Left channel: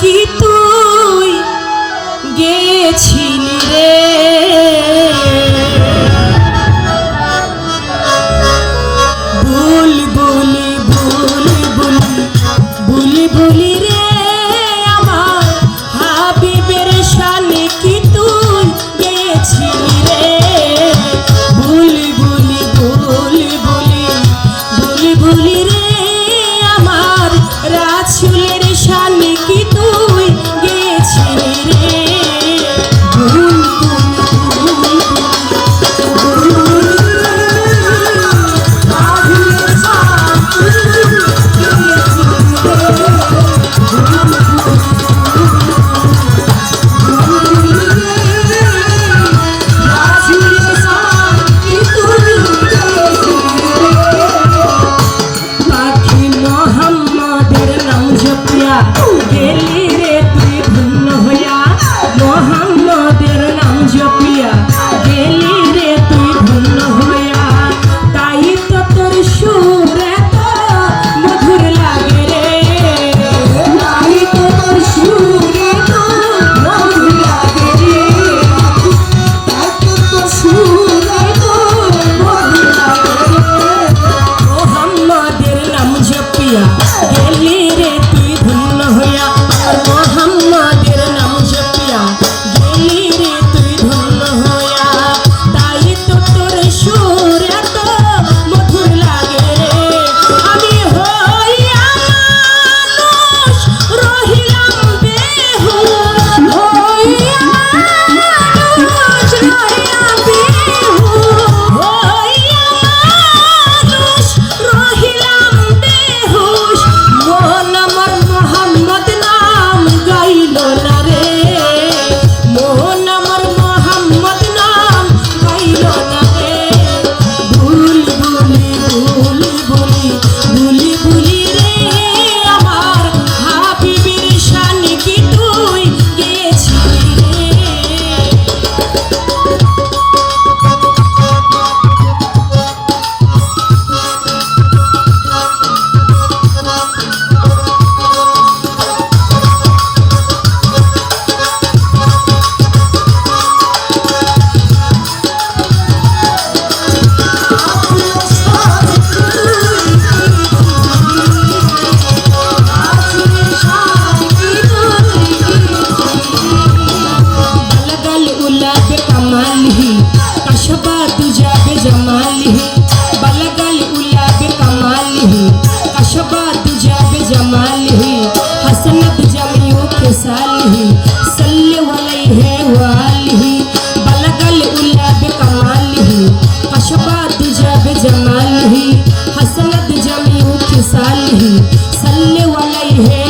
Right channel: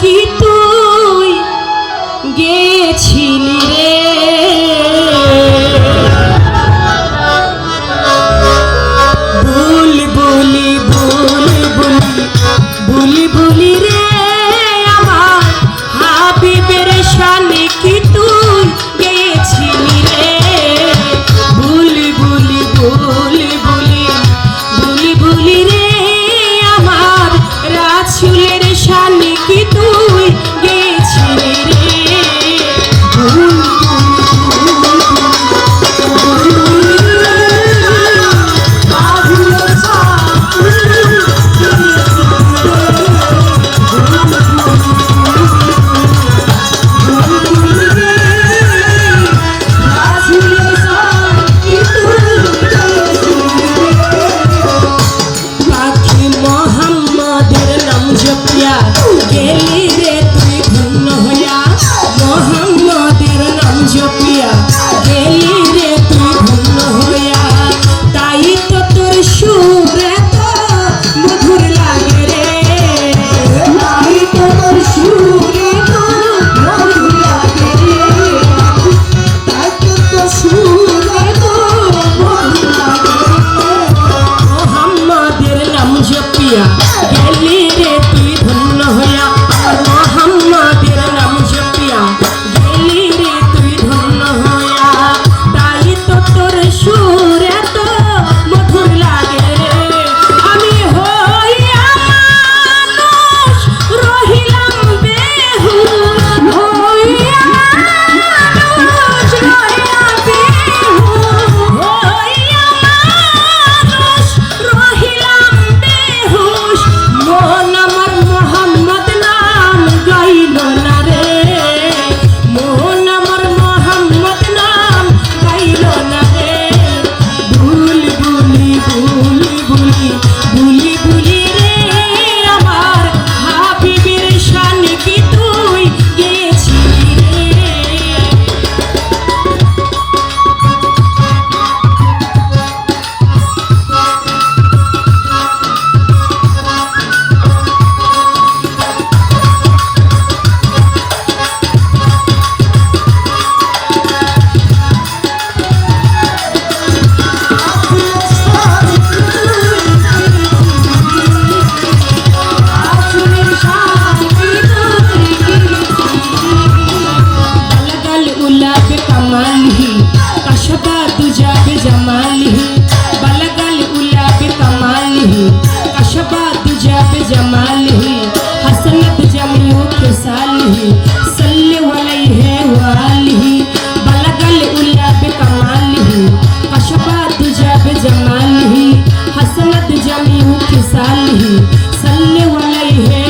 কি তুই গেছিলি রে বুলবুলি বুলবুলি বুলবুলি রে আমার হাবিবের শানে কি তুই গেছিলি রে বুলবুলি বুলবুলি বুলবুলি রে আমার রাসূলের শানে কি তুই গেছিলি রে গেলি রে তুই ধন্য হইয়া মোহাম্মদের নাম জপিয়া গেলি রে তুই ধন্য হইয়া তাই তো তোর সুর এত মধুর লাগে রে তাই তো তোর সুর এত মধুর লাগে রে তাই তো তোর সুর এত মধুর লাগে রে মোহাম্মদের নাম জপিয়া গেলি রে তুই ধন্য হইয়া মোহাম্মদের নাম জপিয়া গেলি রে তুই ধন্য হইয়া তাই তো তোর সুর এত মধুর লাগে রে আমি হইয়া মানুষ রহিলাম বেহুশ হইয়া মানুষ রহিলাম বেহুশ হইয়া মানুষ রহিলাম বেহুশ মন আমার মোহাম্মদ নাম গাইল না রে মন আমার মোহাম্মদ নাম গাইল না রে বুলবুলি বুলবুলি বুলবুলি রে আমার হাবিবের শানে কি তুই গেছিলি রে बलगल उलाब कमालिही कशबा तुजाब जमालिही बलगल उलाब कमालिही कशबा तुजाब जमालिही हसनत जमियो खिसालिही सल्ले अलैहि वालिही बलगल उलाब कमालिही कशबा तुजाब जमालिही हसनत जमियो खिसालिही सल्ले अलैहि